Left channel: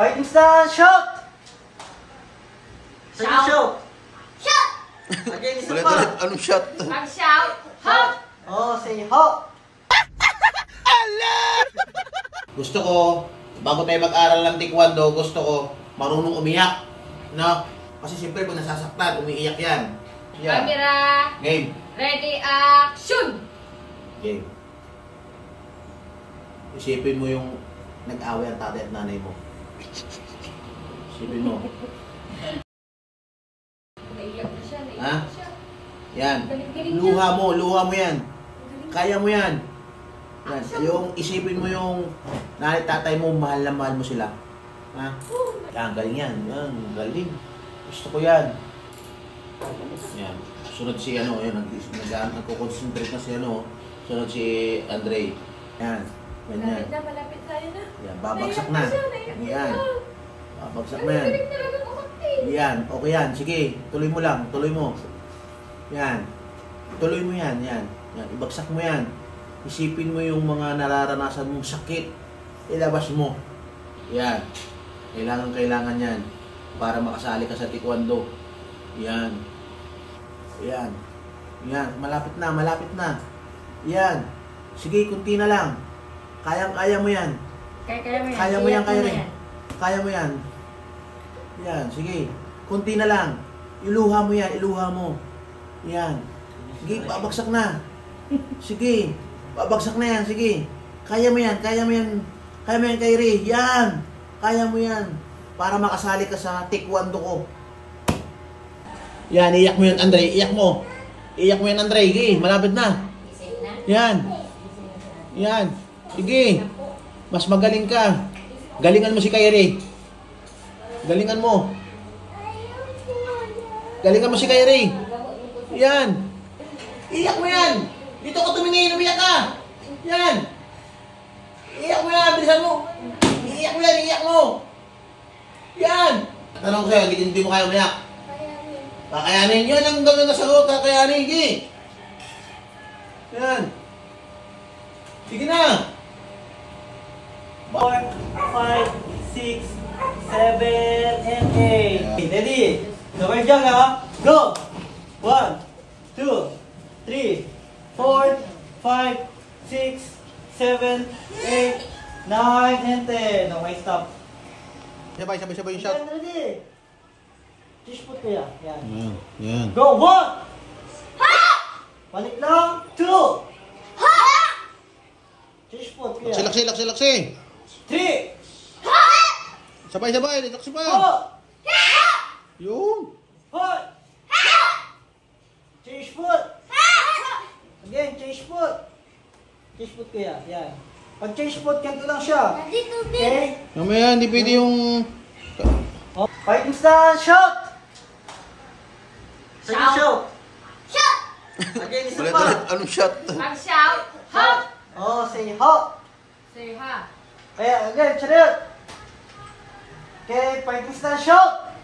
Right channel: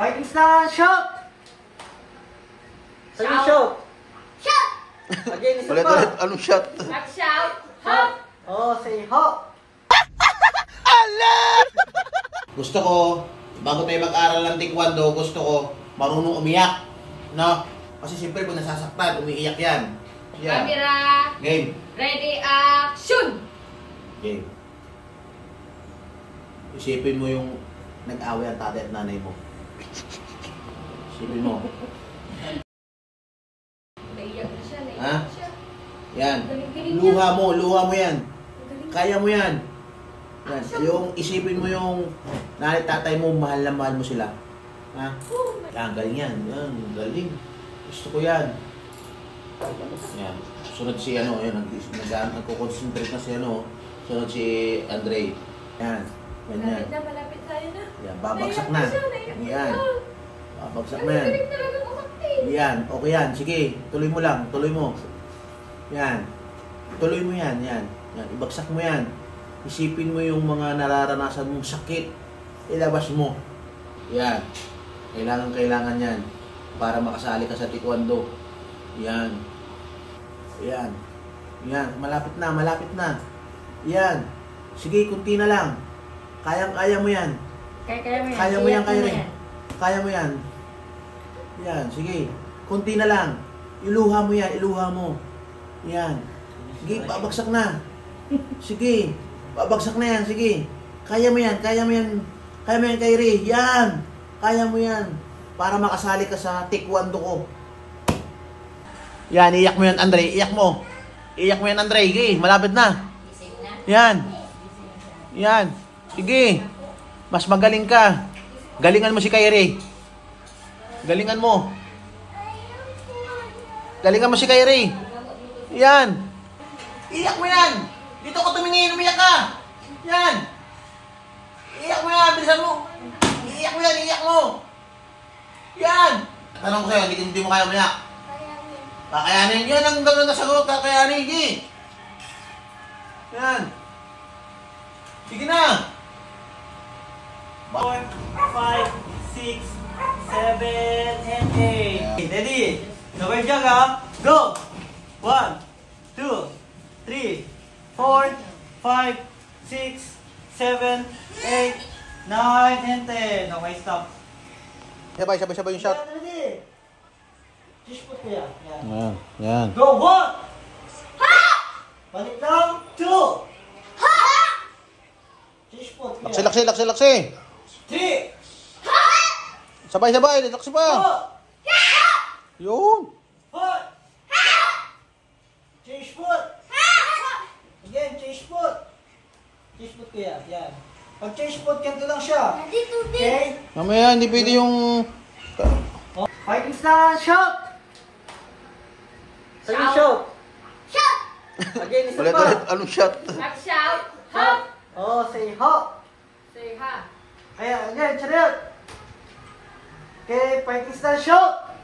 Fighting style, shoot! Sige, shoot! Shoot! Again, isa Ulit, pa. ulit. Anong shot? Mag-shout. Hop! Oh, say hop! Gusto ko, bago tayo mag-aral ng taekwondo, gusto ko marunong umiyak. No? Kasi siyempre kung nasasaktan, umiiyak yan. Yan. Camera. Game. Ready, action! Game. Isipin mo yung nag-away ang tatay at nanay mo. Isipin mo. Naiyak na siya, Ha? naiyak na siya. Yan. Galing-galing Luha mo yan. Kaya mo yan. Yan. Yung isipin mo yung nanay tatay mo, mahal na mahal mo sila. Ha? Yan, galing yan. Yan, galing. Gusto ko yan. Yan. Sunod si ano, yan, nagko-concentrate na si ano, sunod si Andre. Yan. Ganyan. Malapit tayo na. Yan, babagsak na. Yan. Babagsak na yan. Galing talaga kumakti. Yan, okay yan. Sige, tuloy mo lang. Tuloy mo. Yan. Tuloy mo yan. Yan. Yan. Ibagsak mo yan. Isipin mo yung mga nararanasan mong sakit. Ilabas mo. Yan. Kailangan yan. Para makasali ka sa taekwondo. Yan. Yan. Yan. Malapit na. Malapit na. Yan. Sige, kunti na lang. Kayang-kaya mo yan. Kaya mo yan, kaya rin. Kaya mo yan. Yan, sige. Kunti na lang. Iluha mo yan, iluha mo. Yan. Sige, babagsak na. Sige. Babagsak na yan, sige. Kaya mo yan, kaya mo yan. Kaya mo yan, Kyrie. Yan. Kaya mo yan. Para makasali ka sa taekwondo ko. Yan, iyak mo yan, Andre. Iyak mo. Iyak mo yan, Andre. Sige, malapit na. Yan. Yan. Sige. Mas magaling ka. Galingan mo si Kyrie. Galingan mo. Galingan mo si Kyrie. Yan. Iyak mo yan. Dito ko tumingin. Umiyak ka. Yan. Iyak mo yan. Bilisan mo. Iyak mo yan. Iyak mo. Yan. Tanong ko sa'yo. Hindi mo kaya umiyak. Kakayanin. Yan ang gagawin sa ko. Kakayanin. Sige. Yan. Sige na. 4, 5, 6, 7, and 8. Ready? Sabay dyan ha. Go! 1, 2, 3, 4, 5, 6, 7, 8, 9, and 10. Okay, stop. Sabay yung shot. Yan, ready? Just put ko yan. Yan. Yan. Go! 1! Balik lang. 2! Just put ko yan. Laksi. 3! Sabay. Laksi pa. 4! Yun. 4! Change foot! Again, change foot! Change foot ko yan. Yan. Pag change foot, ganito lang siya. Okay? Mamaya, hindi pwede yung... Fighting style, shoot! Sige, shoot! Shoot! Again, isa Ulit. pa. Anong shot? Mag-shout. Hop! Oh, say hop! Say ha. Kaya, again, chariot! Okay, fighting style, shoot!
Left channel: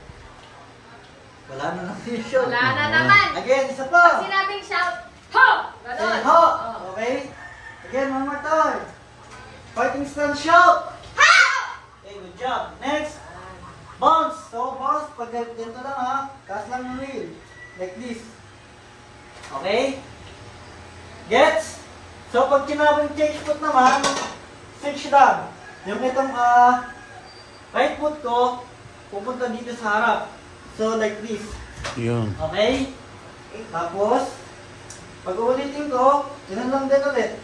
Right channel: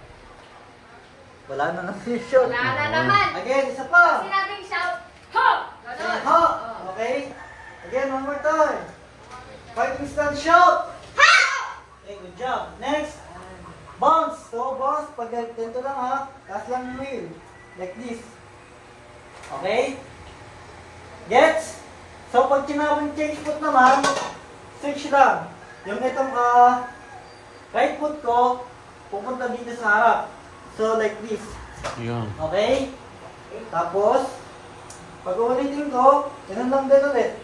Wala na lang yung shoot. Wala na naman. Again, isa Pag pa! sinabing shout, hop! Say Ganon. hop! Oh. Okay? Again, one more time. Fighting style, shoot! Okay, good job. Next, bounce. So, bounce, pag ganito lang ha, kasi lang yung wheel. Like this. Okay? Gets? So, pag kinabang change foot naman, switch lang. Yung itong right foot ko, pupunta dito sa harap. So, like this. Yun. Okay? Tapos, pag ulitin ko, ganun lang din ulit.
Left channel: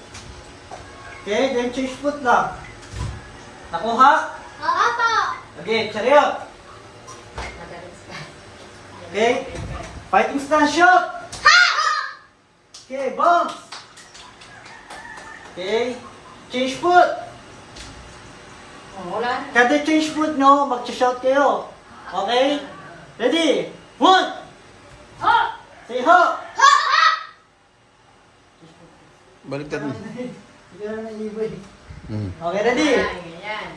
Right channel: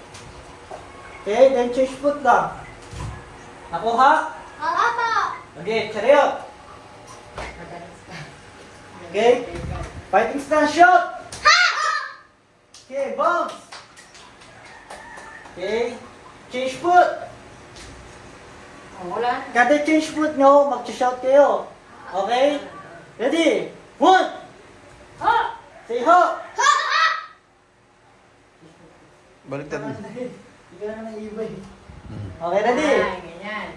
Okay, then change foot lang. Nakuha? Opo! Okay, chariot. Okay, fighting stance, shoot. Okay, bounce. Okay, change foot. Wala. Kada change foot nyo, mag-shout kayo. Okay? Ready? 1! Hop! Say hop! Baliktad. Hindi ka na naiba eh. Okay, ready? Ganyan.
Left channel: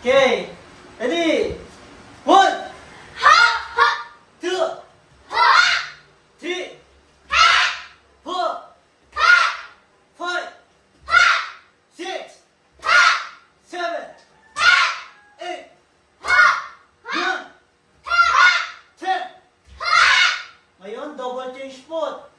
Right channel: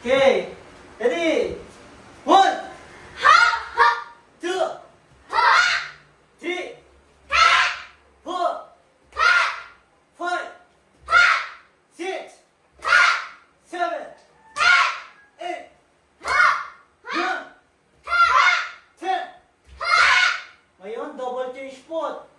Okay, ready? 1! 2! 3! 4! 5! 6! 7! 8! foot.